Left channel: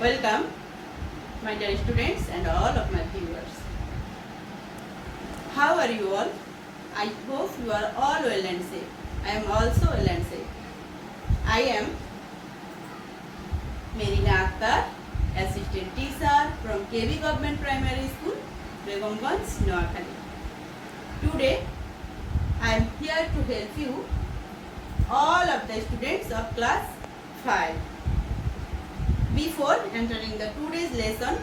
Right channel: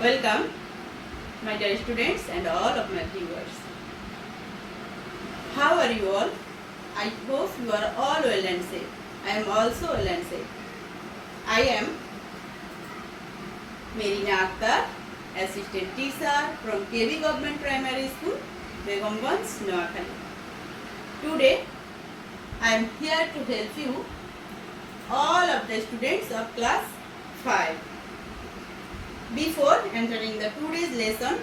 Welcome, my dear students and all of my viewers. How are you all? I hope you are all well and safe. I am also well and safe. I am Merina Akhtar, assistant teacher from KB Government Primary School, Begumganj, Noakhali. Today, I am here to help you, all of the students of class 5. Before entering the today's lesson,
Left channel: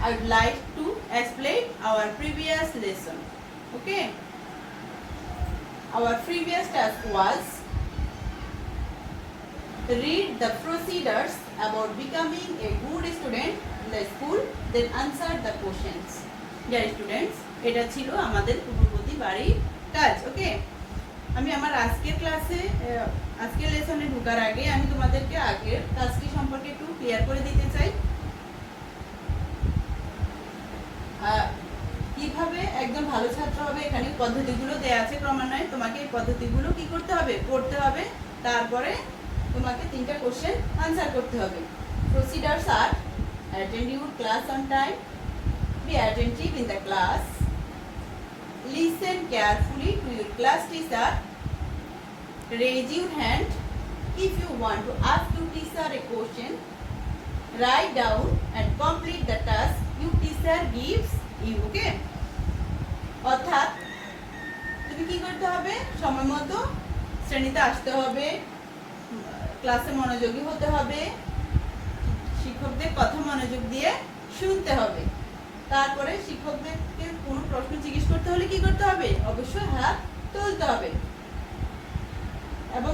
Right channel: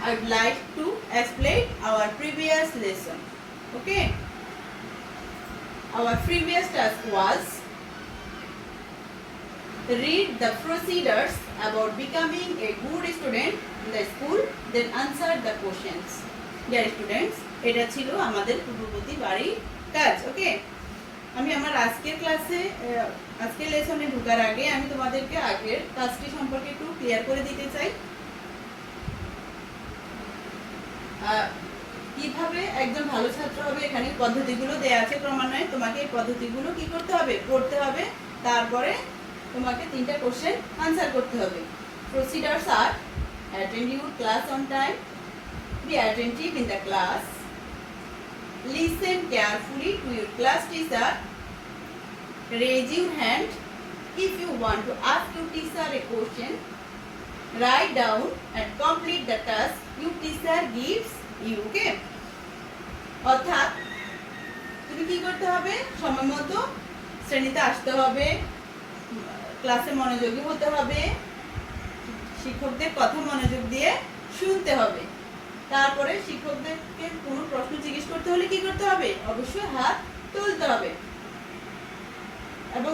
I would like to explain our previous lesson. Okay? Our previous task was read the procedures about becoming a good student in the school, then answer the questions. Dear students, এটা ছিল আমাদের পূর্ববর্তী বাড়ির কাজ। ওকে, আমি আমার আজকের ক্লাসে আজকের লেসনে ঢোকার আগে আমি তোমাদেরকে আগের কাজটি সম্পর্কে একটু ক্লিয়ার করে দিতে চাই। কিভাবে একজন ভালো ছাত্র হবে, এখানে পদ্ধতিগুলো দেয়া আছে ক্রমান্বয়ে। তোমাকে এই পদ্ধতিগুলো কি করতে হবে, করতে হবে। তারপরে তোমাকে 3টা কোশ্চেন আনসার করতে হবে। প্রসিডারস আর attend your class on time, be attentive in the class, listen carefully to your class teacher, raise your hand if you want to ask your teacher a question, write down and complete the task your teacher gives you. Okay? অর্থাৎ তুমি কি করতে হবে, সময় মতো শ্রেণীতে আসতে হবে, ক্লাসে মনোযোগী হতে হবে, শিক্ষকদের কথা মনোযোগ দিয়ে শুনতে হবে। তারপরে শিক্ষকদেরকে কোনো প্রশ্ন জিজ্ঞেস করতে হলে কি করতে হবে, অবশ্যই হাত তুলতে হবে। এবং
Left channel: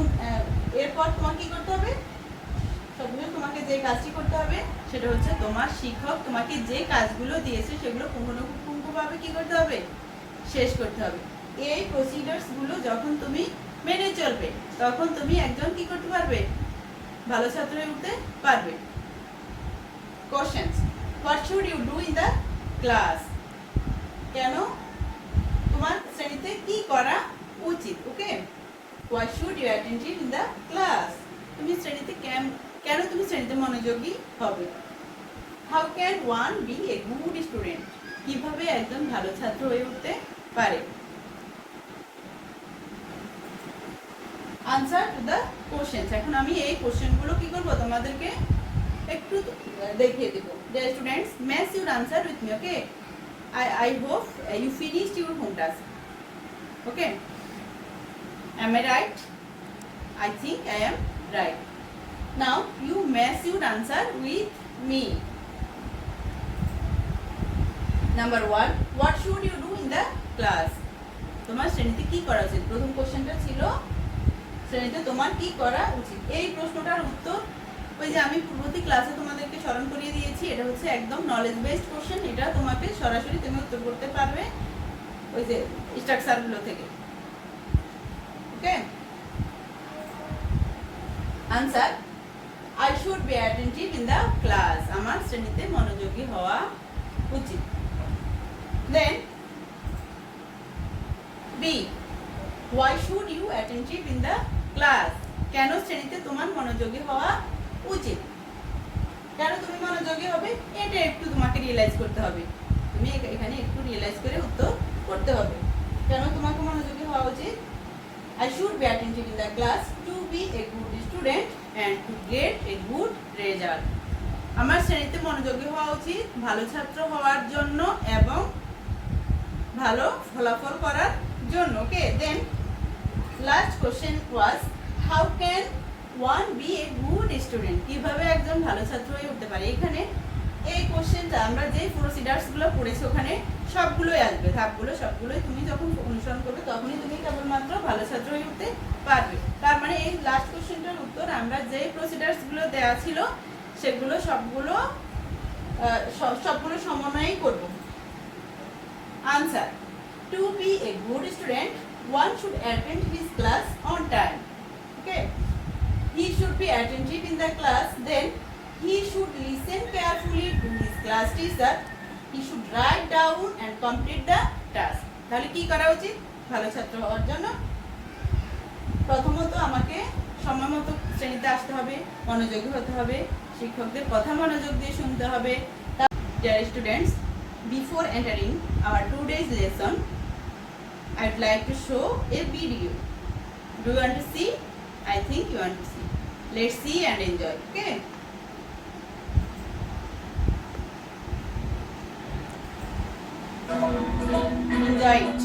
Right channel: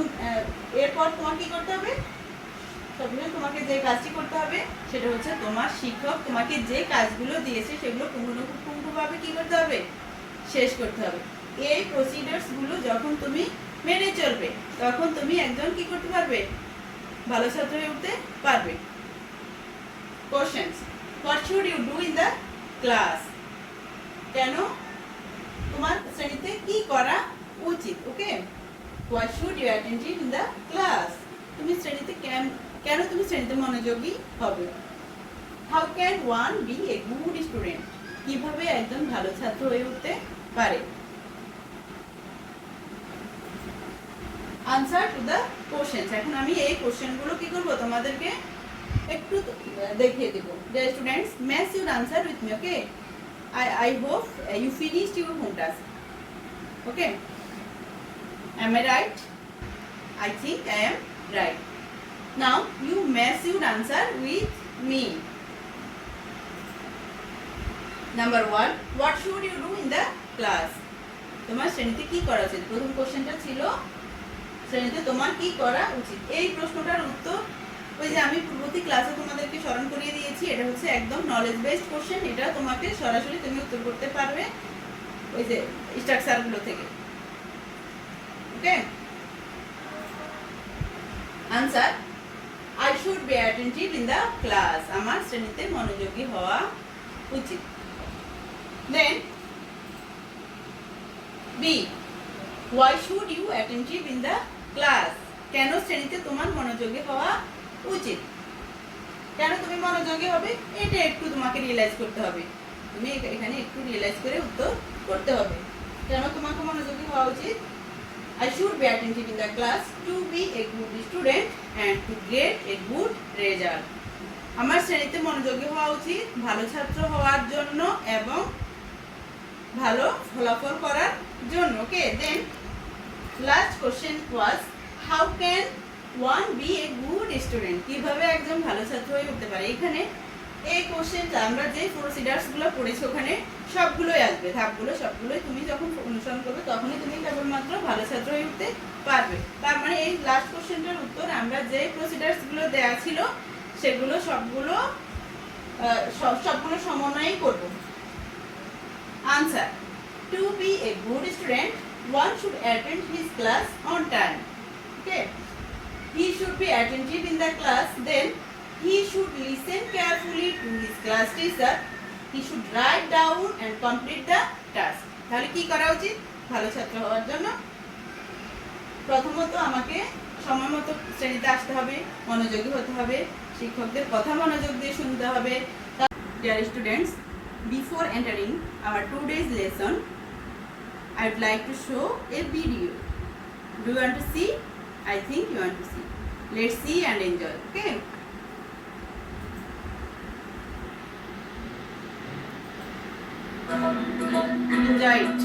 এরপর তোমার কি করতে হবে, সবসময় তোমাকে যে কাজটি করতে হবে সেটা হচ্ছে তোমার শিক্ষক তোমাকে যে কাজগুলো দিয়েছে সেগুলো পুঙ্খানুপুঙ্খভাবে কি করতে হবে, শেষ করতে হবে। এই প্রসিডার্স গুলো যখন তুমি মেনে চলবে তখন তুমি একজন কি করতে পারবে, ভালো ছাত্র হয়ে উঠতে পারবে। Questions, what should you do in the class, কেন তোমার শ্রেণীতে কি করা উচিত। Okay, what should you attentive in the class, তুমি শ্রেণীতে কেন তুমি শ্রেণীতে মনোযোগী হবে। How can one be a good student, কিভাবে একজন ভালো ছাত্র হয়ে উঠতে পারে। আনসার টু দ্য কোশ্চেনস, এখন আমি এই কোশ্চেনগুলো কি করব তোমাদেরকে একটু দেখিয়ে দেব। Dear students, match your answer with me. Okay, I hope you finished your home task. Okay, am I right? I think I am right. Now you match your answer with me. Number 1, what should you do in the class, তোমার শ্রেণীতে কি করা উচিত। প্রথম কোশ্চেনটা ছিল শ্রেণীতে তোমার কি করা উচিত। এই প্রশ্নটার উত্তর ওই যে আমি পূর্ববর্তী ক্লাসে তোমাদেরকে স্মরণ করিয়ে দিয়েছি, এটা হচ্ছে একদম নলেজ বেসড কোশ্চেন। এটা তোমাকে সরাসরি তুমি উত্তর করতে পারবে ওই যে স্ট্রাকচারগুলো থেকে। Okay, answer, I should be attentive in the class, আমার শ্রেণীতে মনোযোগী হওয়া উচিত। Then B, why should you attentive in the class, কেন শ্রেণীতে তোমার মনোযোগী হওয়া উচিত। কেন তুমি মনোযোগী হবে এটা একটু তোমাকে রিয়েলাইজ করতে হবে। তুমি এখানে একটু রিয়েলাইজ করে উত্তর করতে হবে কেন তোমাকে মনোযোগী হওয়া উচিত। I should be attentive in the class to be a good student and to get a good result. আমার শ্রেণীতে মনোযোগী হওয়া উচিত ভালো ছাত্র হওয়ার জন্য এবং ভালো ফলাফল করার জন্য। Okay, then last question was how can one be a good student, কিভাবে একজন ভালো ছাত্র হয়ে উঠতে পারে। এখানে এই কোশ্চেনটা আমরা যে প্রসিডার্সগুলো পড়েছি ওখানে সবগুলোই আসবে, ধাপগুলো সবগুলোই তুমি যখন অনুসরণ করবে তখনই তুমি কেবলমাত্র ভালো ছাত্র হয়ে উঠতে পারবে। তার মানে এই লাস্ট কোশ্চেনটার উত্তর আমরা যে প্রসিডার্সগুলো দেওয়া ছিল সেগুলো সবগুলো সমন্বয়ই করব। Answer, to be a good student one should attend his class on time. Okay, he should be attentive in the class, then he should listen carefully to his class teacher, he should write down and complete the task. তাহলে কি করা উচিত ভালো ছাত্র হওয়ার জন্য? প্রথমত আমাকে সময় মতো শ্রেণীতে আসতে হবে, মনোযোগী হতে হবে, শিক্ষকদের কথা মনোযোগ দিয়ে শুনতে হবে। Dear students, before entering our today's lesson, I would like to show a video. Do you want to see? I think you want to see. Let's see and enjoy. Okay. Enjoy it.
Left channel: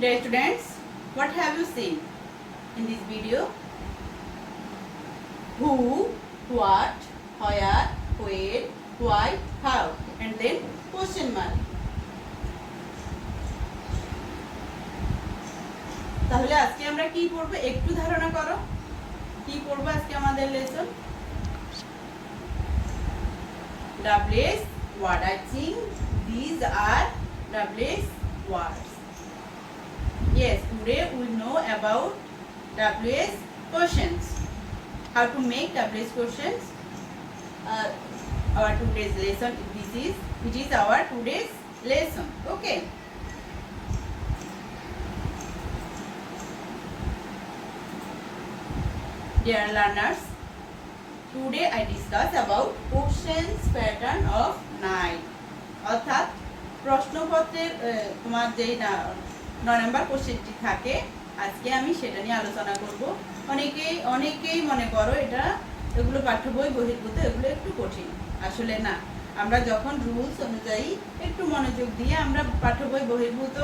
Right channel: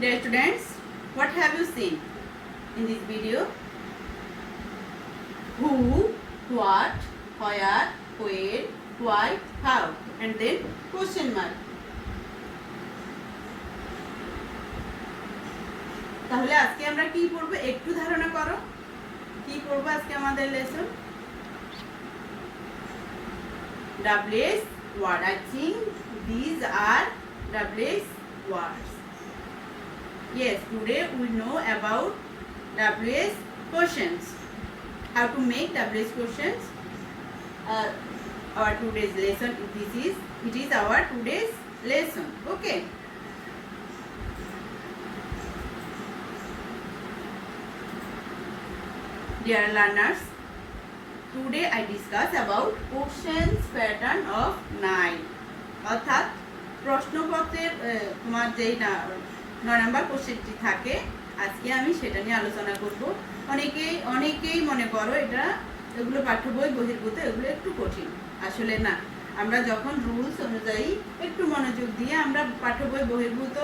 Dear students, what have you seen in this video? Who, what, where, when, why, how, and then question mark. তাহলে আজকে আমরা কি পড়ব একটু ধারণা করো। কি পড়ব আজকে আমাদের lesson? WH word. I think these are WH words. Yes, today we know about WH questions. How to make WH questions. Our today's lesson. It is our today's lesson. Okay. Dear learners, today I discuss about questions pattern of 9. অর্থাৎ প্রশ্নপত্রের তোমার যেই 9 number কোশ্চেনটি থাকে আজকে আমি সেটা নিয়ে আলোচনা করব। অনেকেই মনে করো এগুলো পাঠ্য বই বহির্ভূত, এগুলো একটু কঠিন। আসলে না, আমরা যখন রুলস অনুযায়ী একটু মনোযোগ দিয়ে আমরা পাঠ্য বই বহির্ভূত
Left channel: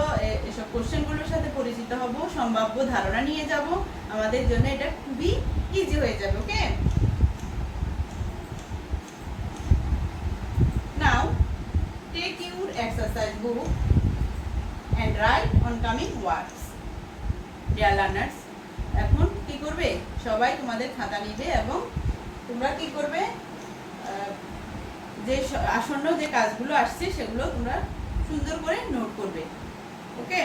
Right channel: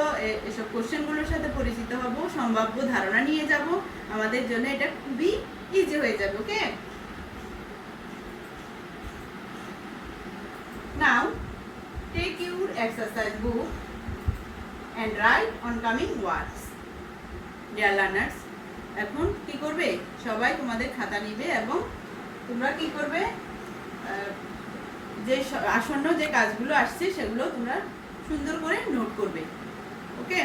এসব কোশ্চেনগুলোর সাথে পরিচিত হব, সম্ভাব্য ধারণা নিয়ে যাব, আমাদের জন্য এটা খুবই ইজি হয়ে যাবে। Okay, now take your exercise book and write on coming words. Dear learners, এখন কি করবে? সবাই তোমাদের খাতা নিবে এবং তোমরা কি করবে? যে আসন্ন যে কাজগুলো আসছে সেগুলো তোমরা সুন্দর করে নোট করবে। Okay,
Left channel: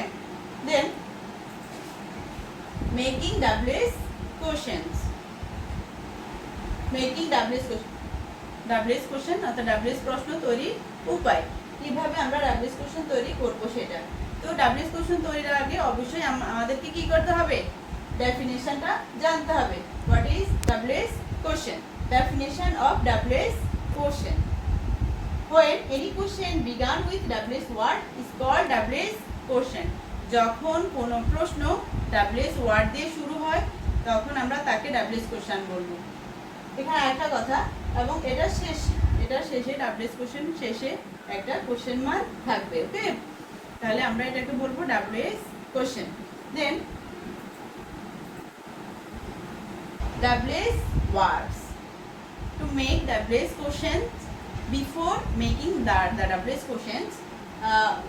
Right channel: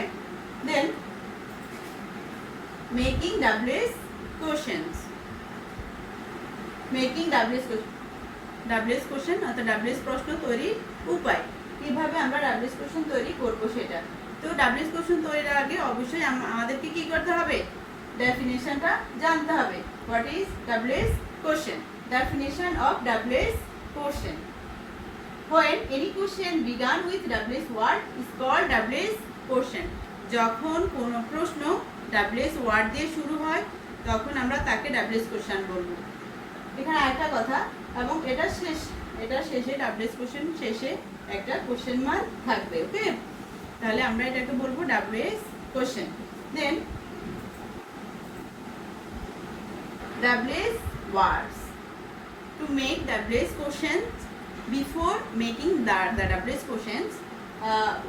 then making WH questions. Making WH question অর্থাৎ WH প্রশ্ন তৈরির উপায়, কিভাবে আমরা WH question তৈরি করব সেটা। তো WH question তৈরির আগে অবশ্যই আমাদেরকে কি করতে হবে? ডেফিনিশনটা জানতে হবে। What is WH question? Definition of WH question. When any question began with WH word is called WH question. যখন কোনো প্রশ্ন WH ওয়ার্ড দিয়ে শুরু হয় তখন আমরা তাকে WH question বলবো। এখানে আরেকটা কথা, এবং এটা শেষে WH question শেষে একটা কোশ্চেন মার্ক থাকবে। ওকে, তাহলে আমরা এটাকে বলবো WH question. Then WH words. To make WH questions, before making the WH questions,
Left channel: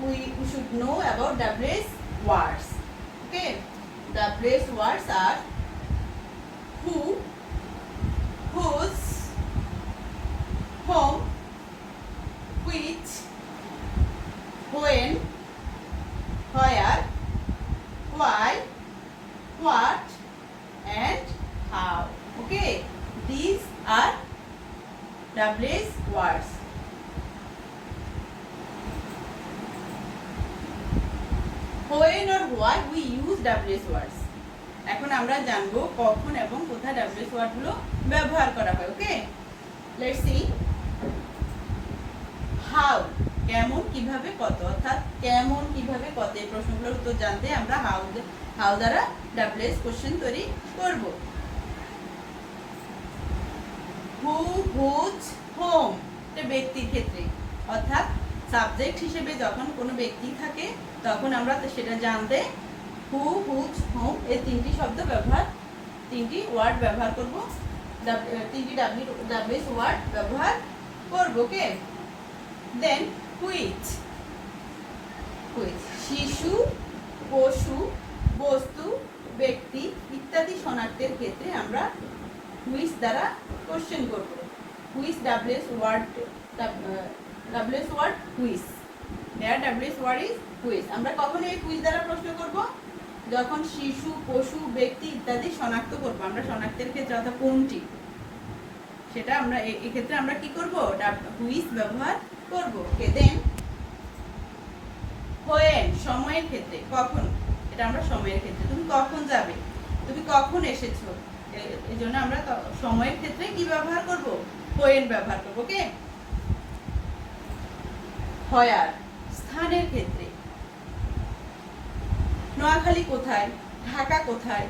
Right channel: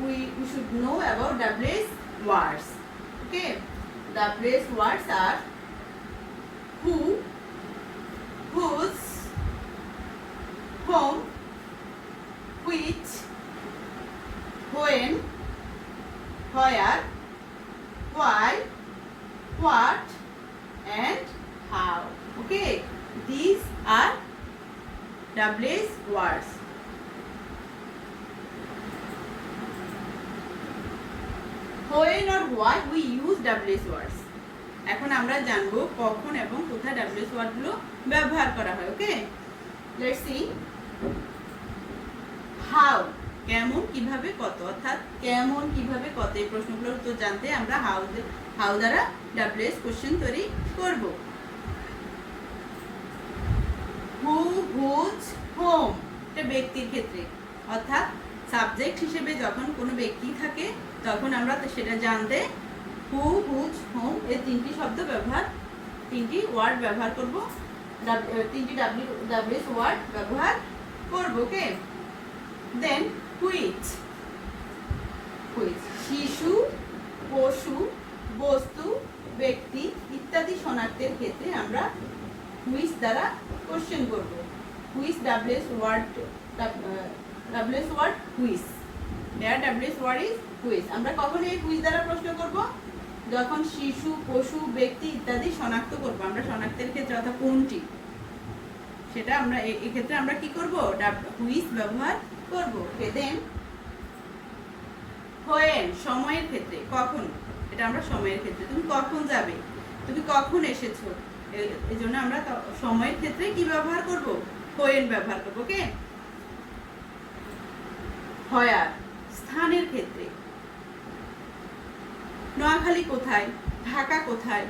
we should know about WH words. Okay, WH words are who, whose, whom, which, when, where, why, what, and how. Okay, these are WH words. When or why we use WH words. এখন আমরা জানবো কখন এবং কোথায় WH word গুলো ব্যবহার করা হয়। ওকে, লেটস সি। হাউ, কেমন, কিভাবে, কত, অর্থাৎ কেমন, কিভাবে, কত এই প্রশ্নগুলোর উত্তর জানতে আমরা হাউ দ্বারা WH কোশ্চেন তৈরি করব। হু, হুজ, হোম, এটা ব্যক্তির ক্ষেত্রে। অর্থাৎ সাবজেক্ট হিসেবে যখন কোনো ব্যক্তি থাকে তখন আমরা সেটা জানতে হু, হুজ, হুম এই তিনটি ওয়ার্ড ব্যবহার করব, তিনটি ডাব্লিউএস ওয়ার্ড ব্যবহার করব। ওকে, দেন হুইচ, শিশু, পশু, বস্তু, ব্যক্তি ইত্যাদি শনাক্তের ক্ষেত্রে আমরা হুইচ দ্বারা কোশ্চেন করব। Which WH word which, here WH word is which. আমরা কখন এই হুইচ দ্বারা প্রশ্ন করব? যখন শিশু, পশু, ব্যক্তি ইত্যাদি শনাক্ত করব আমরা শনাক্তের ক্ষেত্রে, অর্থাৎ কোনটি, সেটা আমরা এই ক্ষেত্রে আমরা কি করব? হুইচ ব্যবহার করব। ওকে, দেন হোয়েন, সময়ের ক্ষেত্রে, কখন, এটা আমরা সময়ের ক্ষেত্রে, তুমি কখন যাবে, তুমি কখন এসেছো, এই জন্য আমরা সময়ের ক্ষেত্রে কি ব্যবহার করব? হোয়েন ব্যবহার করব। ওকে, হোয়ার, স্থানের ক্ষেত্রে, নোয়াখালী কোথায়, ঢাকা কোথায়,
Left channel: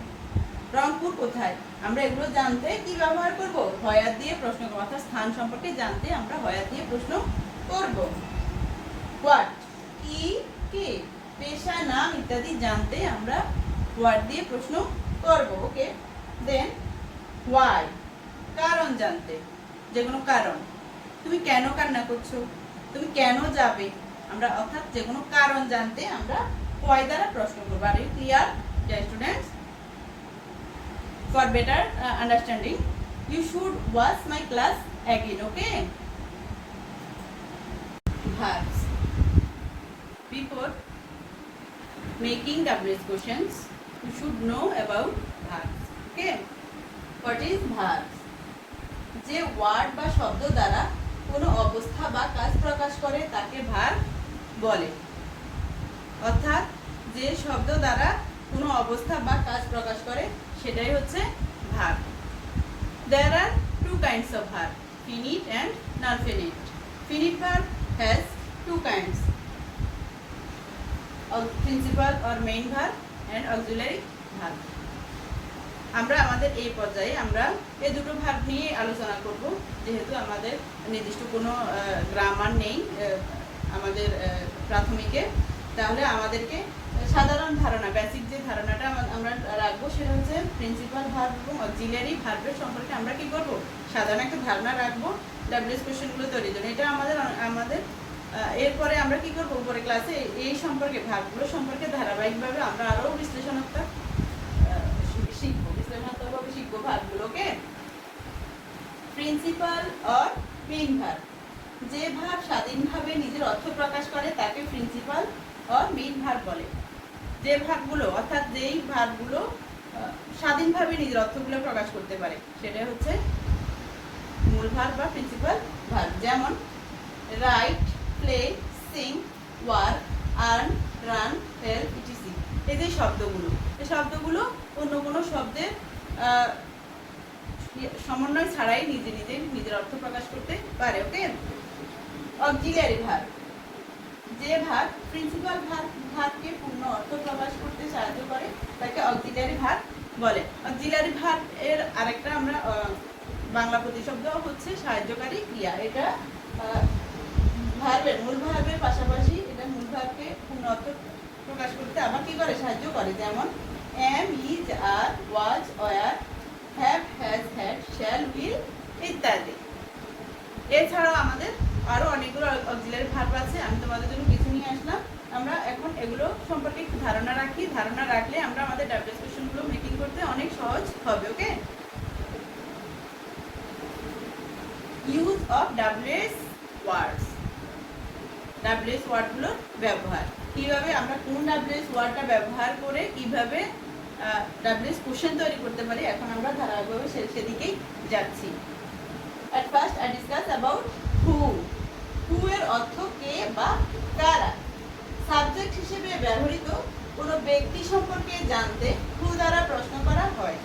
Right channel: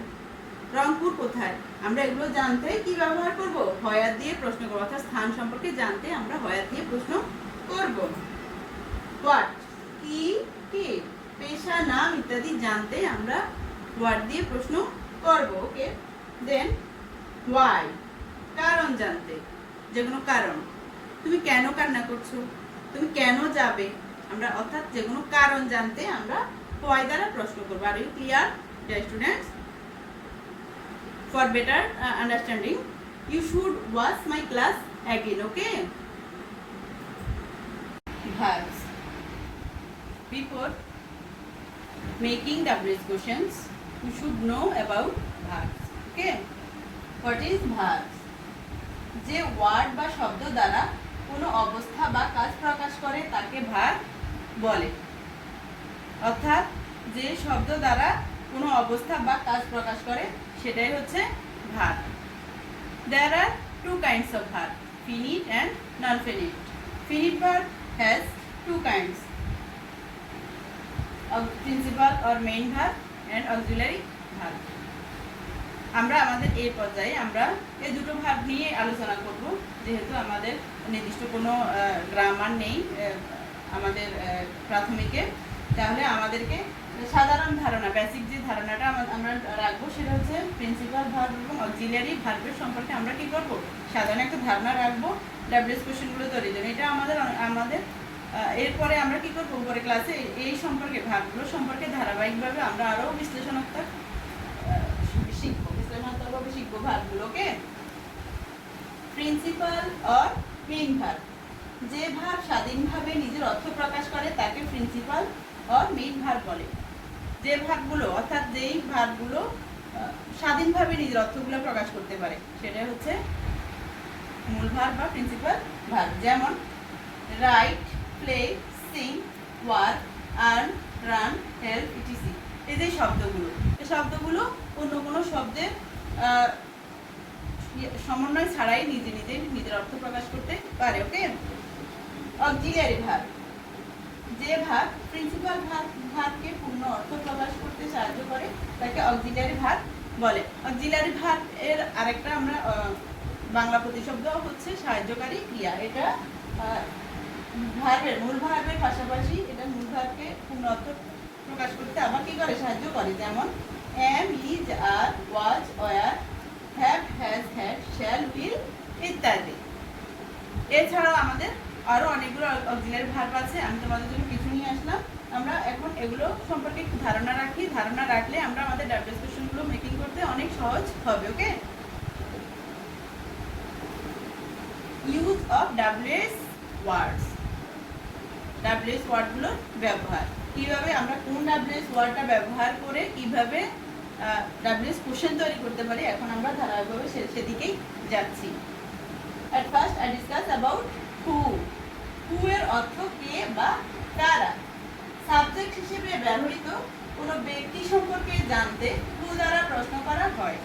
রংপুর কোথায়, আমরা এগুলো জানতে কি ব্যবহার করব? হোয়ার দিয়ে প্রশ্ন করব, অর্থাৎ স্থান সম্পর্কে জানতে আমরা হোয়ার দিয়ে প্রশ্ন করব। হোয়াট, কি, কে, পেশা, নাম ইত্যাদি জানতে আমরা হোয়াট দিয়ে প্রশ্ন করব। ওকে, দেন ওয়াই, কারণ জানতে, যে কোনো কারণ, তুমি কেন কান্না করছো, তুমি কেন যাবে, আমরা অর্থাৎ যে কোনো কারণ জানতে আমরা হোয়াই দ্বারা প্রশ্ন করব। Are you clear dear students? For better understanding you should watch my class again. Okay, verbs. Before making WH questions you should know about verbs. Okay, what is verbs? যে ওয়ার্ড বা শব্দ দ্বারা কোনো অবস্থা বা কাজ প্রকাশ করে তাকে ভার্ব বলে। অর্থাৎ যে শব্দ দ্বারা কোনো অবস্থা বা কাজ প্রকাশ করে সেটাই হচ্ছে verb. There are two kinds of verb, finite and non-finite. Finite verb has two kinds, principal or main verb and auxiliary verb. আমরা আমাদের এই পর্যায়ে আমরা এই দুটো ভার্ব নিয়ে আলোচনা করব, যেহেতু আমাদের নির্দিষ্ট কোনো গ্রামার নেই আমাদের প্রাথমিকে, তাহলে আমাদেরকে সাধারণ ধারণা, বেসিক যে ধারণাটা আমরা রাখবো সেটা হচ্ছে প্রিন্সিপাল ভার্ব এবং অক্সিলিয়ারি ভার্বের সম্পর্কে আমরা কি করব? সাধারণ একটা ধারণা রাখবো ডাব্লিউএস কোশ্চেনগুলো তৈরির জন্য। এটা আমাদের এরপরে আমরা কি করব? উপরে ক্লাসে এই সম্পর্কে, ভার্বগুলো সম্পর্কে ধারাবাহিকভাবে আমরা আরও বিশ্লেষণাত্মক শিখবো ভার্বগুলোকে। প্রিন্সিপাল অর মেইন ভার্ব, যে ভার্ব স্বাধীনভাবে নিজের অর্থ প্রকাশ করে তাকে প্রিন্সিপাল অর মেইন ভার্ব বলে। যে ভার্বগুলো, অর্থাৎ যেই ভার্বগুলো স্বাধীনভাবে নিজের অর্থগুলো প্রকাশ করতে পারে সেটা হচ্ছে মূল ভার্ব বা প্রিন্সিপাল ভার্ব। যেমন right, play, Singh, work, earn, run, help etc. এই যে শব্দগুলো, এই শব্দগুলো অন্য কোনো শব্দের সমন্বয় ছাড়াই নিজের অর্থ প্রকাশ করতে পারে। ওকে, অক্সিলিয়ারি ভার্ব, যে ভার্ব প্রিন্সিপাল ভার্বকে পূর্ণ অর্থ প্রকাশ করতে সাহায্য করে তাকে অক্সিলিয়ারি ভার্ব বলে। অক্সিলিয়ারি ভার্ব এর আরেকটা আমরা বাংলা প্রতিশব্দ হচ্ছে সাহায্যকারী ক্রিয়া। এটা ভার্বের, মূল ভার্বের পাশাপাশি এটা মূল ভার্বকে পূর্ণ অর্থ প্রকাশ করতে আবার কি করে? সাহায্য করে। যেমন am, is, are, was, were, have, has, had, shall, will ইত্যাদি। এছাড়াও আমাদের আরো অনেকগুলো অক্সিলিয়ারি ভার্ব আছে, আমি তোমাদের জন্য কিছু নিয়ে আসলাম। আমরা এখন এগুলো সম্পর্কে একটু ধারণা রাখি, ধারণা রাখলে আমরা আমাদের ডাব্লিউএস কোশ্চেনগুলো মেকিং করতে অনেক সহজ হবে। Okay, use of WH words, WH ওয়ার্ডগুলোর ব্যবহার, কিভাবে আমরা কোন ডাব্লিউএস ওয়ার্ডটা ব্যবহার করে কিভাবে ডাব্লিউএস কোশ্চেন তৈরি করতে পারি, এখন আমরা ধারাবাহিকভাবে সেদিকেই যাচ্ছি। At first I discuss about who. Who এর অর্থ কে বা কারা। সাবজেক্ট হিসেবে ব্যবহৃত কোনো ব্যক্তি সম্পর্কে জানতে who দ্বারা প্রশ্ন করা হয়।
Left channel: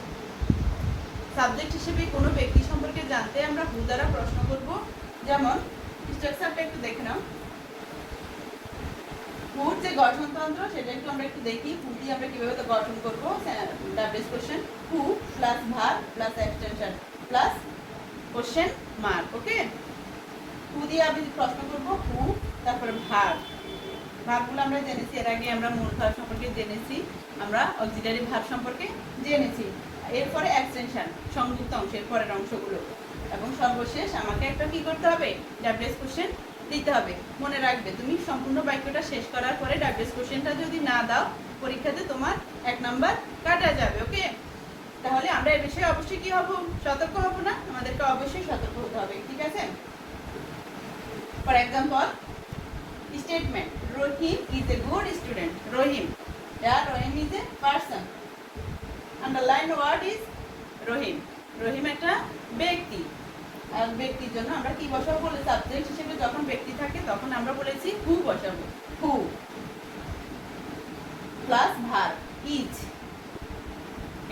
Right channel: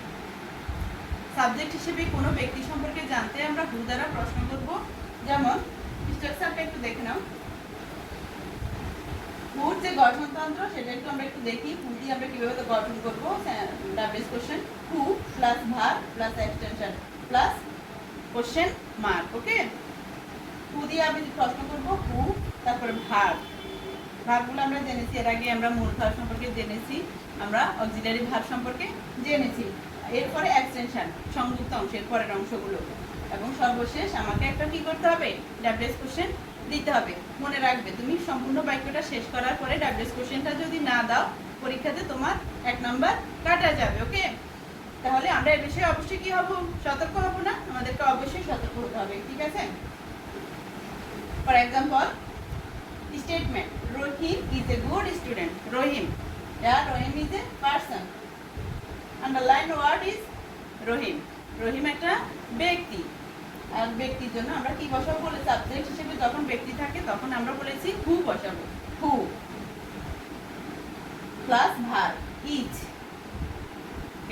সাবজেক্ট হিসেবে কোনো ব্যক্তি সম্পর্কে জানতে আমরা who দ্বারা প্রশ্ন করব। যেমন স্ট্রাকচারটা একটু দেখে নাও। who যে গঠনতন্ত্র সেটা একটু আমরা একটু দেখি। who দিয়ে আমরা কিভাবে তো গঠন করব। WS question who plus verb plus extension plus question mark. Okay, who দিয়ে আমি প্রশ্ন করব হু, তারপরে ভার্ব। ভার্বগুলো আমরা জেনেছি, এর আগে আমরা মূল ভার্ব সম্পর্কে জেনেছি, আমরা অক্সিলারি ভার্ব সম্পর্কে জেনেছি। এরপরে এক্সটেনশন, সংযুক্ত অংশের পরের অংশগুলো, এবং সর্বশেষ আমাকে একটা কি করতে হবে, ডাব্লিউএস কোশ্চেন দিতে হবে। মনে রাখবে, তুমি সম্পূর্ণ বাক্যটা শেষ করার পরে ডাব্লিউএস কোশ্চেনটা যদি না দাও, পরীক্ষাতে তোমার 1 নাম্বার কাটা যাবে। ওকে, তাহলে আমরা এই বিষয়ে অবশ্যই কি হব, সতর্ক হব না? আমাদেরকে অবশ্যই সতর্ক হতে হবে, ঠিক আছে? For example, statement, Rohim is a good student. Rohim, yeah, Rohim is a person. Underline word is Rohim. Rohim একটা ব্যক্তি, আর ব্যক্তির জন্য আমরা কি বসাবো বলে, সাবজেক্ট হিসেবে যখন ব্যক্তি থাকে তখন আমরা বলেছি হু বসাবো, হু প্লাস ভার্ব ইজ।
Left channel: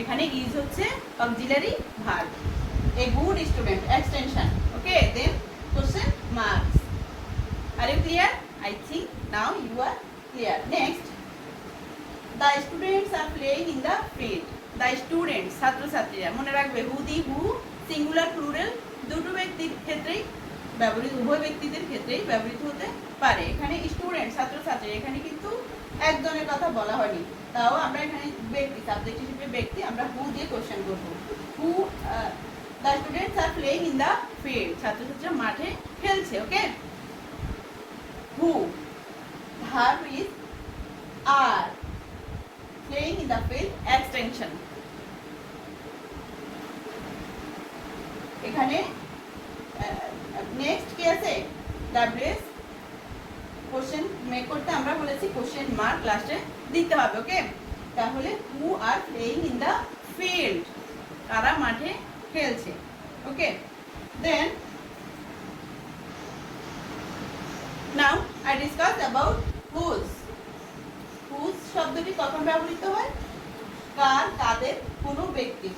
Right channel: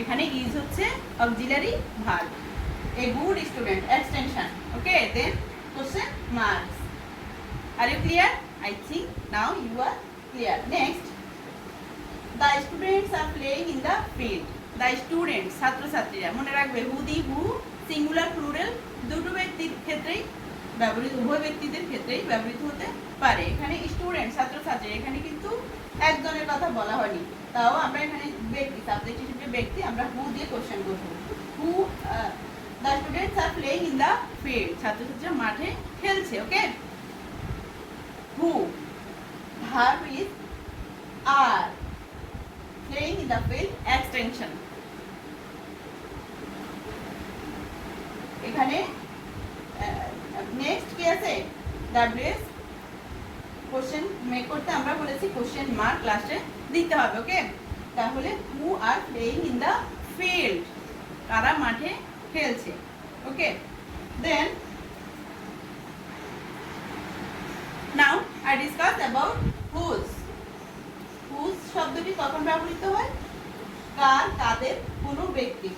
এখানে ইজ হচ্ছে auxiliary verb. A good student, extension. Okay, then question marks. Are you clear? I think now you are clear. Next, the students are playing in the field. The students, ছাত্র ছাত্রীরা। মনে রাখবে, হু দি হু singular plural দুটো ব্যক্তির ক্ষেত্রেই ব্যবহৃত, উভয় ব্যক্তিদের ক্ষেত্রেই ব্যবহৃত হতে পারে। এখানে স্টুডেন্ট ছাত্র ছাত্রী, এখানে কিন্তু একজনের কথা বলা হয়নি, তাও আমরা এখানে ব্যক্তি, সাবজেক্ট হিসেবে ব্যক্তি, আমরা হু দিয়ে কোশ্চেন করব। হু, the students are playing in the field. ছাত্র ছাত্রীরা মাঠে খেলছে। ওকে, who, verb is are, playing in the field, extension। এখানে নেক্সট কি আছে, ডাব্লিউএস কোশ্চেন মেক করতে আমরা বলেছি কোশ্চেন মার্ক লাস্টে দিতে হবে। ওকে, তাহলে who are playing in the field, কারা মাঠে খেলছে। ওকে, দেন now I discuss about whose। whose শব্দটি কখন ব্যবহৃত হয়, কার, কাদের, কোনো ব্যক্তি,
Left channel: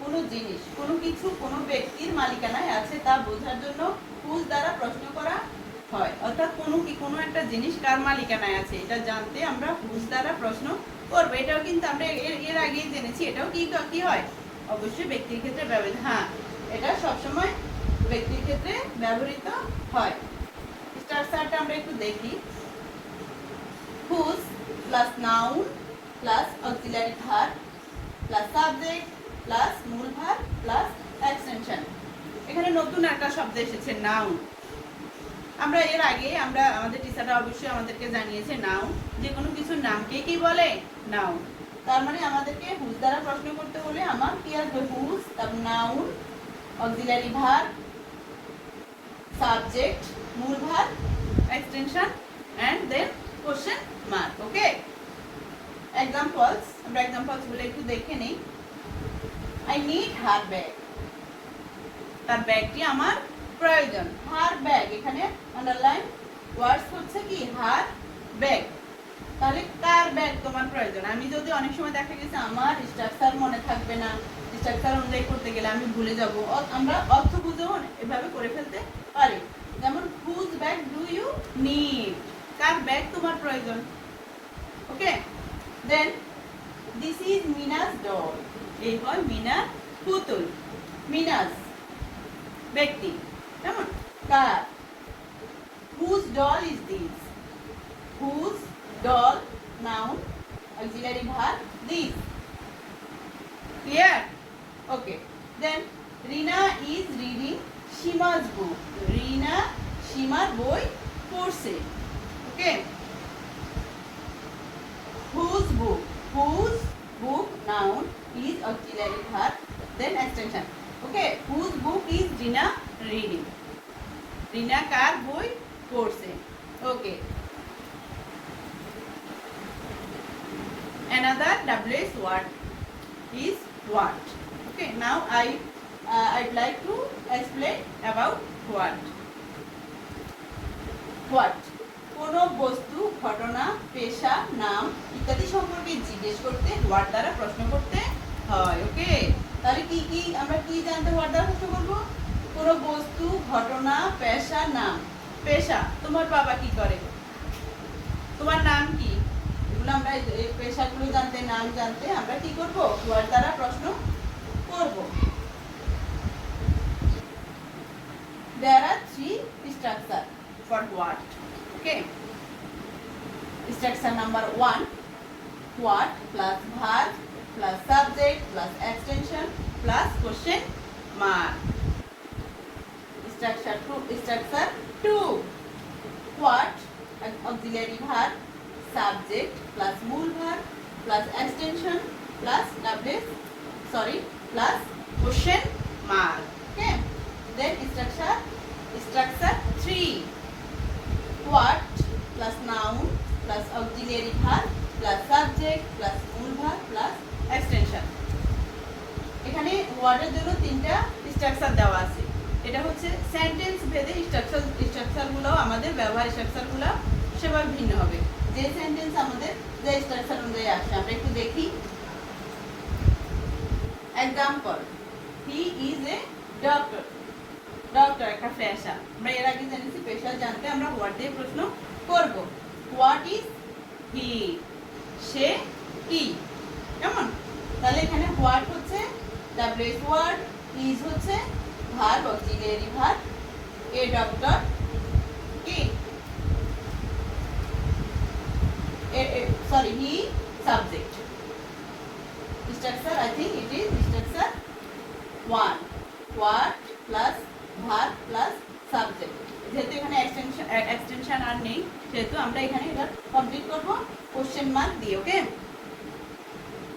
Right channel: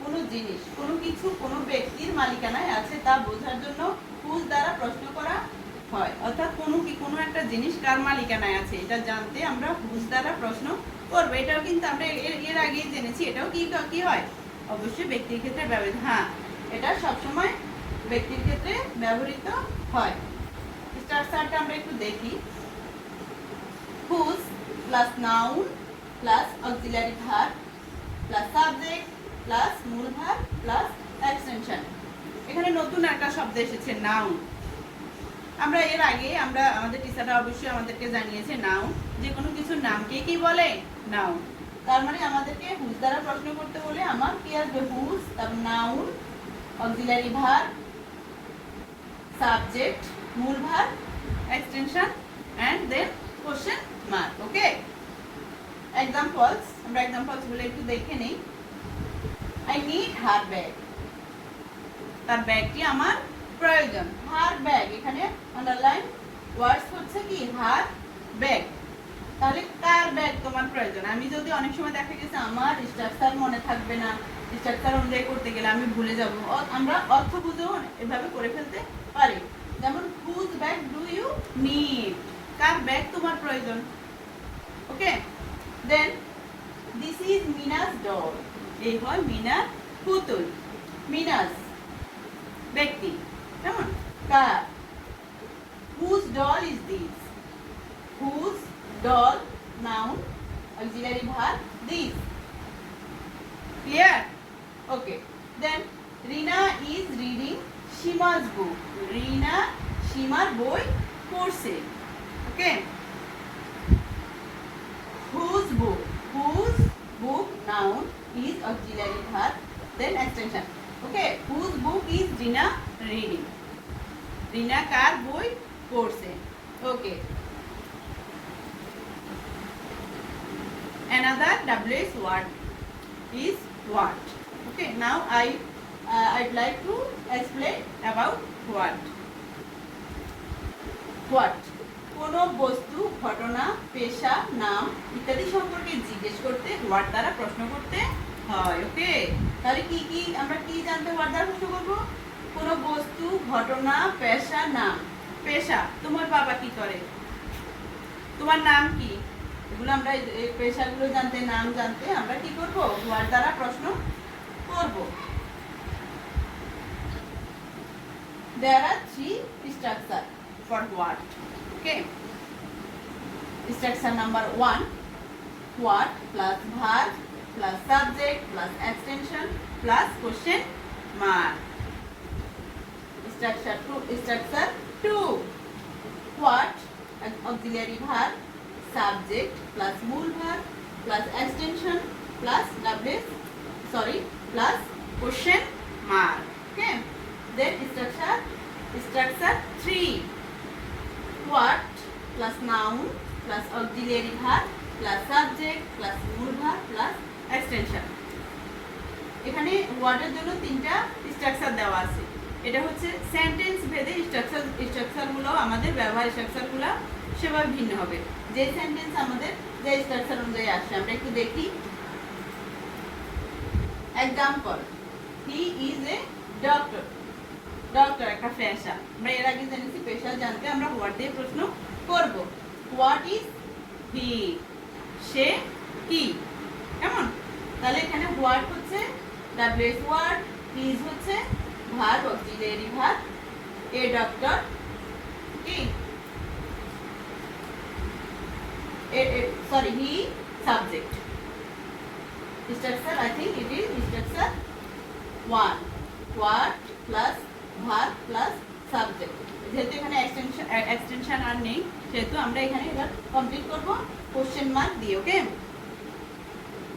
কোনো জিনিস, কোনো কিছু, কোনো ব্যক্তির মালিকানায় আছে তা বোঝার জন্য whose দ্বারা প্রশ্ন করা হয়। অর্থাৎ কোনো একটা জিনিস কার মালিকানায় আছে এটা জানতে আমরা whose দ্বারা প্রশ্ন করব। এটাও কিন্তু আমরা এর আগেই জেনেছি, এটাও কি হয়, অবশ্যই ব্যক্তির ক্ষেত্রে ব্যবহৃত। হ্যাঁ, এটা সবসময় ব্যক্তির ক্ষেত্রে ব্যবহৃত হয়। স্ট্রাকচারটা আমরা একটু দেখি। whose plus noun plus auxiliary verb plus subject plus মূল ভার্ব প্লাস এক্সটেনশন। এখানে নতুন একটা শব্দ এসেছে, নাউন। আমরা এর আগে আমাদের টিচাররা অবশ্যই আমাদেরকে জানিয়েছে নাউন, যে কোনো কিছুর নামকে কি বলে, নাউন। তার মানে আমাদেরকে হুজ দ্বারা প্রশ্ন করতে হলে আমার কি আসবে, হুজ, তারপর নাউন, অক্সিলারি ভার্ব, সাবজেক্ট, মূল verb, extension, and then question mark. Okay, examples, আমরা examples গুলো একটু দেখে নেই। I need her bag, তার ব্যাগটি আমার প্রয়োজন। her bag, এখানে আন্ডারলাইন ওয়ার্ডস হচ্ছে কি, her bag। তাহলে কার ব্যাগ তোমার প্রয়োজন? আমি যদি অনেক সময় দেখা গেছে আমার স্ট্রাকচার মনে থাকবে না, স্ট্রাকচার অনুযায়ী করতে গেলে আমি ভুলে যাব, আমরা অর্থ বুঝেও এভাবে করে ফেলতে পারি। যেমন whose bag do you need, car bag তোমার প্রয়োজন। ওকে, দেন this is Mina's doll, এই হয় মিনার পুতুল। মিনাস ব্যক্তি, কেমন, কার। whose doll is this, whose doll, noun, auxiliary verb this। Clear? Okay, then Rina is reading Shima's book, রিনা সীমার বই পড়ছে। ওকে, whose book, whose book, noun, is auxiliary verb, then extension। Okay, whose book is Rina reading, রিনা কার বই পড়ছে। Okay, another WS word is what। Okay, now I'd like to explain about what। what, কোনো বস্তু, ঘটনা, পেশা, নাম ইত্যাদি সম্পর্কে জিজ্ঞেস করতে what দ্বারা প্রশ্ন করতে হয়। ওকে, তাহলে কি আমরা কি জানতে what দ্বারা প্রশ্ন করব? কোনো বস্তু, ঘটনা, পেশা, নাম। পেশা, তোমার বাবা কি করে, তোমার নাম কি, এগুলো আমরা এই পেশাগুলো জানতে, নাম জানতে আমরা কি করব, what দ্বারা প্রশ্ন করব। there are three structure for what. Okay, structure number 1, what plus verb plus subject plus extension plus question mark. Structure 2, what auxiliary verb subject plus mool verb plus extension plus plus question mark. Okay, then structure 3, what plus noun plus auxiliary verb plus subject plus mool verb plus extension. এখানে ওয়ার্ডের জন্য তিনটা structure দেওয়া আছে। এটা হচ্ছে sentence ভেদে স্ট্রাকচারগুলো আমাদের ব্যবহার স্ট্রাকচারগুলো সেভাবে ভিন্ন হবে। যে সেন্টেন্স আমাদের যে স্ট্রাকচার অনুযায়ী আসে আমরা একটু দেখি। Example, he is a doctor. Doctor একটা পেশা, আমরা এর আগে জেনেছি পেশা জানতে আমরা হোয়াট দিয়ে প্রশ্ন করব। হোয়াট ইজ হি, সে কি, কেমন? তাহলে এখানে হোয়াট হচ্ছে ডাব্লিউএস ওয়ার্ড, ইজ হচ্ছে verb auxiliary verb, a doctor কি he subject. Structure I think it is structure 1, what plus verb plus subject. যেহেতু এখানে এক্সটেনশন আর নেই সেহেতু আমরা এখানে এবার কমপ্লিট করব কোশ্চেন মার্ক দিয়ে। ওকে,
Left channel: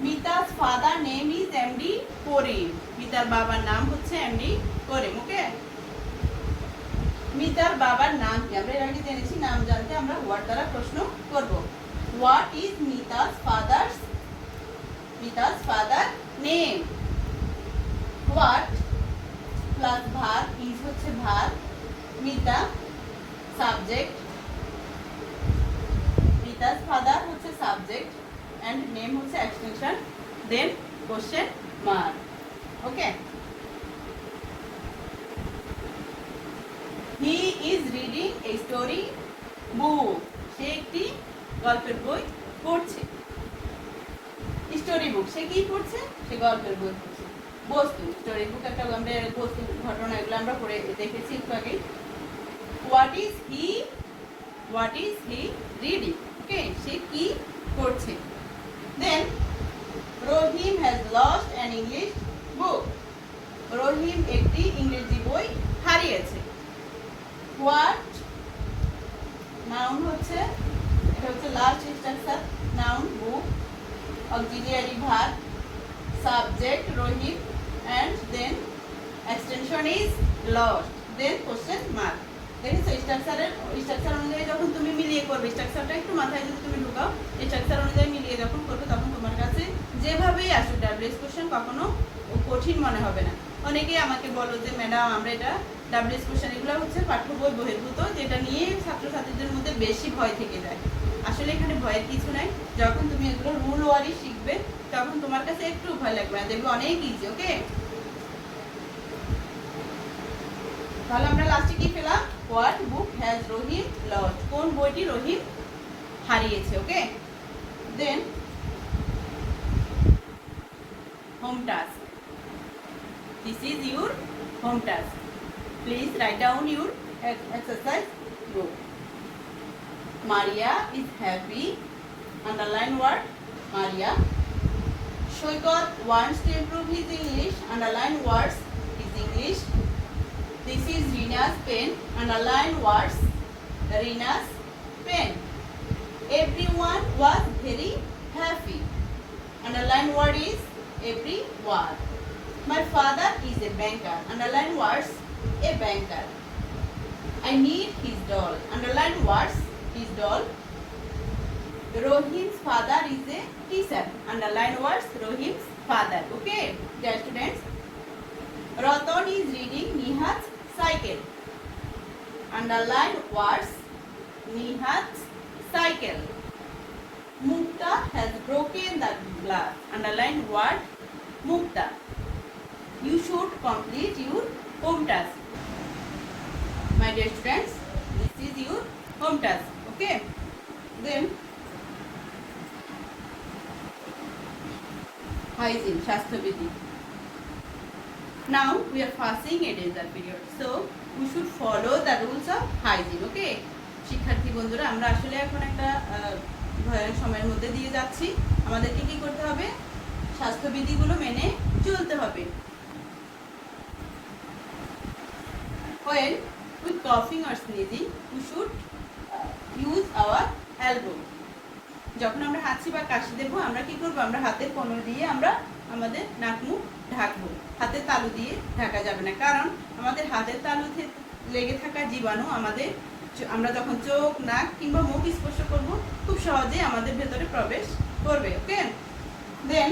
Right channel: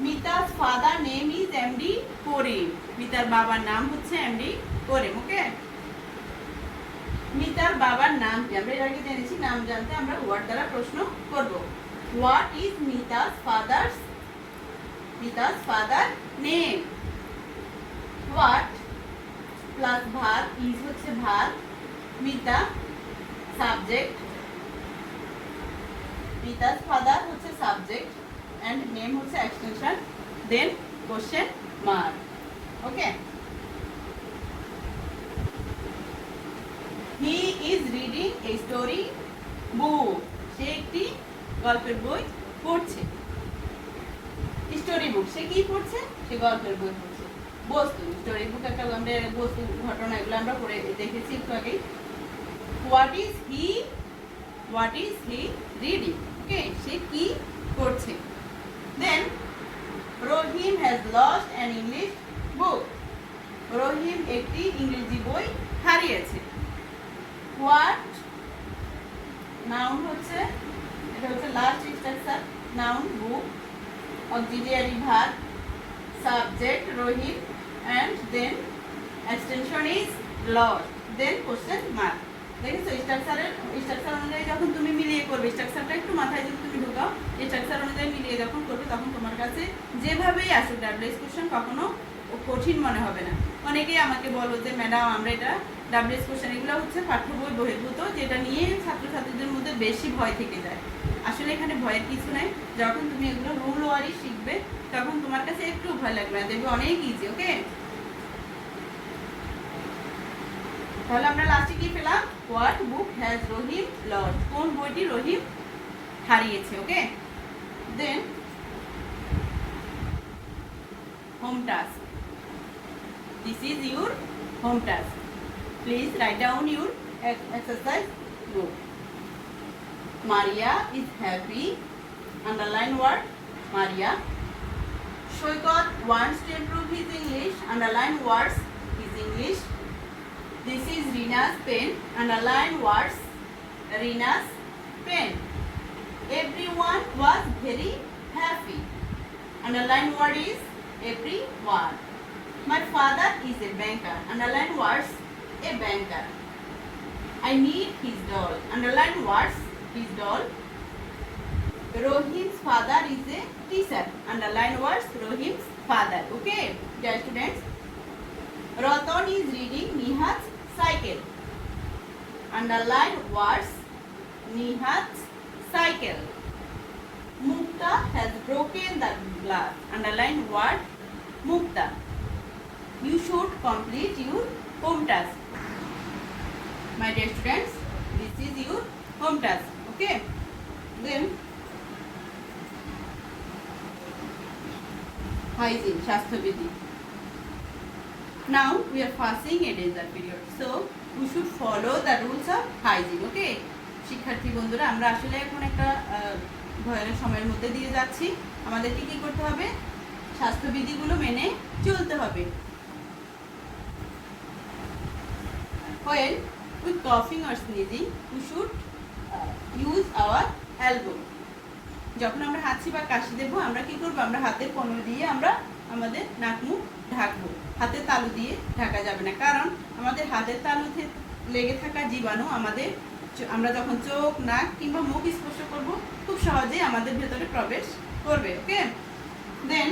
মিতা's father name is MD করিম। মিতার বাবার নাম হচ্ছে MD করিম। ওকে, মিতার বাবার নাম কি আমরা এর আগে জেনেছি। নাম জানতে আমরা হোয়াট দ্বারা প্রশ্ন করব। What is Mita's father name? What plus verb, is হচ্ছে verb, Mita subject, Mita's father হচ্ছে সাবজেক্ট and name হচ্ছে extension, then question mark. Okay, he is reading a story book. সে একটি গল্পের বই পড়ছে। স্টোরি বুক, সে কি পড়ছে? সে গল্পের বই পড়ছে। বস্তু, স্টোরি বুক একটা আমরা বস্তু ঘটনা এগুলো আমরা পড়ে দেখেছি একটু আগে। What is he reading? Okay, সে কি পড়ছে। Then Rohim has lost an English book. রহিম একটি ইংরেজি বই হারিয়েছে। What নাউন হচ্ছে, এটা হচ্ছে last structure, noun book, auxiliary verb, subject Rahim, and then extension is lost, then question mark. দেখেছো স্ট্রাকচার অনুযায়ী যখন তুমি মিলিয়ে করবে, স্ট্রাকচারটা একটু মাথায় যদি তুমি ঢুকাও, এই স্ট্রাকচার অনুযায়ী মিলিয়ে যখন করবে তখন তোমার কাছে যেভাবেই আসুক ডাব্লিউএস কোশ্চেন কখনো কঠিন মনে হবে না। অনেকেই আমাকে বলো যে ম্যাডাম আমরা এটা ডাব্লিউএস কোশ্চেন এগুলো হচ্ছে পাঠ্য বই বহির্ভূত, যেটা নিয়ে ছাত্রছাত্রীদের মধ্যে বেশি ভয় থেকে যায়। আসলে এখানে ভয়ের কিছু নাই। যখন তুমি এগুলো রুল ওয়ারি শিখবে তখন তোমার কাছে একটু ভয় লাগবে না, দেখবে অনেক ইজি। ওকে, তাহলে আমরা লাস্টে কি পেলাম? What book has Rahim lost? কোন বইটি রহিম হারিয়েছে। Okay, then home task. This is your home task. Please write down your exercise group. Maria is happy. Underline word Maria. Shoykot wants to improve his English. Underline words his English. This is Rina's pen. Underline words Rina's pen. Everyone was very happy. Underline word is everyone. My father is a banker. Underline words a banker. I need his doll. Underline words his doll. Rohim's father is a teacher. Underline words Rohim's father. Okay, dear students. Ratan is reading Nihat's cycle. Underline words Nihat's cycle. Mukta has broken the glass. Underline word Mukta. You should complete your home task. My dear students, this is your home task. Okay, then hygiene, Shastra Vidhi. Now we are passing a desert period, so you should follow the rules of hygiene. Okay শিক্ষার্থী বন্ধুরা, আমরা আসলে এখন একটা ভয়ানক সময়ের মধ্যে দিয়ে যাচ্ছি। আমাদেরকে কি করতে হবে? স্বাস্থ্যবিধিগুলো মেনে চলতে হবে। When with coughing or sneezing, we should use our elbow. যখন আমরা হাঁচি বা কাশি দেবো, আমরা কি করবো? আমরা হাতের কোণর দিয়ে আমরা আমাদের নাক মুখ ঢাকবো। হাতের তালু দিয়ে ঢাকা যাবে না, কারণ আমাদের হাতের তালুতে লেগে থাকা জীবাণু আমরা যখন চোখ, নাক কিংবা মুখ স্পর্শ করব, খুব সহজেই আমাদের ভেতরে প্রবেশ করবে। Okay, then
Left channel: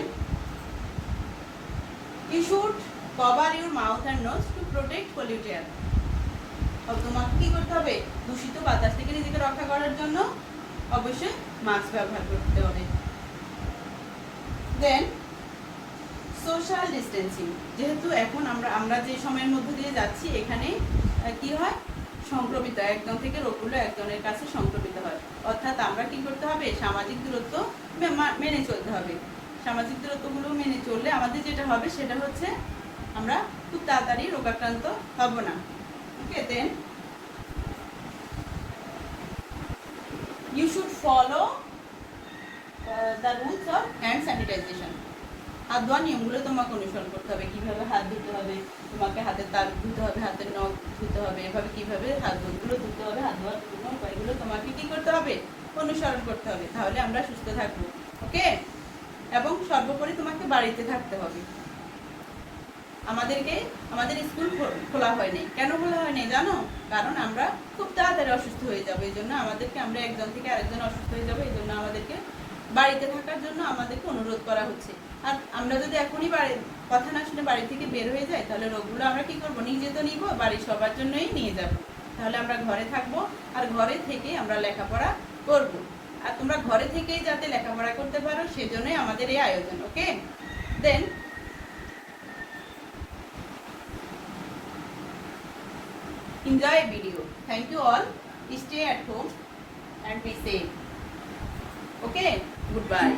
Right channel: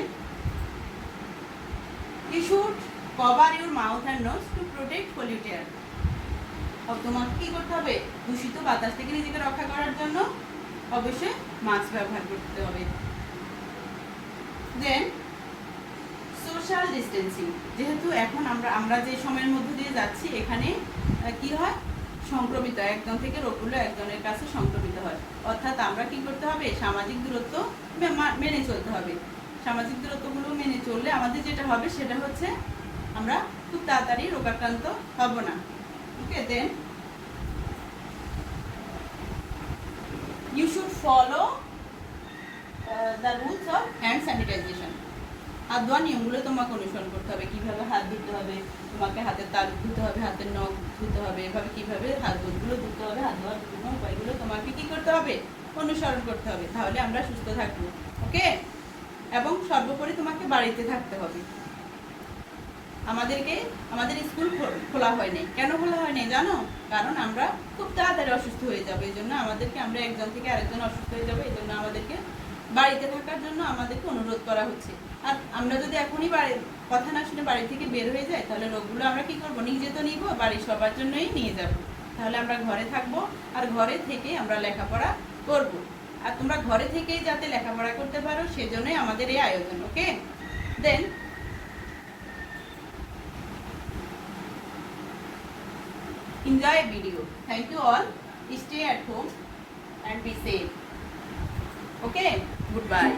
you should cover your mouth and nose to protect polluted air. তোমাকে কি করতে হবে? দূষিত বাতাস থেকে নিজেকে রক্ষা করার জন্য অবশ্যই মাস্ক ব্যবহার করতে হবে। দেন সোশ্যাল ডিস্টেন্সিং, যেহেতু এখন আমরা যে সময়ের মধ্যে দিয়ে যাচ্ছি, এখানে কি হয়? সংক্রমিত একজন থেকে রোগগুলো একজনের কাছে সংক্রমিত হয়। অর্থাৎ আমরা কি করতে হবে? সামাজিক দূরত্ব মেনে চলতে হবে। সামাজিক দূরত্বগুলো মেনে চললে আমাদের যেটা হবে সেটা হচ্ছে আমরা খুব তাড়াতাড়ি রোগাক্রান্ত হব না। ওকে, দেন you should follow the rules of hand sanitization. হাত ধোয়ার নিয়মগুলো তোমাকে অনুসরণ করতে হবে। কিভাবে হাত ধুতে হবে, তোমাকে হাতের তালু ধুতে হবে, হাতের নখ ধুতে হবে, এভাবে কিভাবে হাতগুলো ধুতে হবে, হাত ধোয়ার বিভিন্ন উপায়গুলো তোমাকে কি করতে হবে? অনুসরণ করতে হবে। তাহলে আমরা সুস্থ থাকবো। ওকে, এবং সর্বোপরি তোমাকে বাড়িতে থাকতে হবে। আমাদের স্কুল খোলা হয়নি। কেন খোলা হয়নি জানো? কারণ আমরা খুব তাড়াতাড়ি অসুস্থ হয়ে যাবো। এই জন্য আমরা একজন থেকে আরেকজন অসুস্থ হয়ে যাবো। এই জন্য আমাদেরকে বাড়িতে থাকার জন্য আমাদেরকে অনুরোধ করা হচ্ছে। আর আমরা যদি এখনই কথা না শুনে বাড়ি থেকে বের হয়ে যাই, তাহলে রোগগুলো আমরা কি করবো? নিজে তো নিবো, বাড়ির সবার জন্যই নিয়ে যাব। তাহলে আমরা ঘরে থাকবো, আর ঘরে থেকে আমরা লেখাপড়া করব। আর তোমরা ঘরে থেকেই যাতে লেখাপড়া করতে পারো, সেজন্যই আমাদের এই আয়োজন। ওকে, দেন enjoy a video. Thank you all. Stay at home and be safe. Okay, goodbye.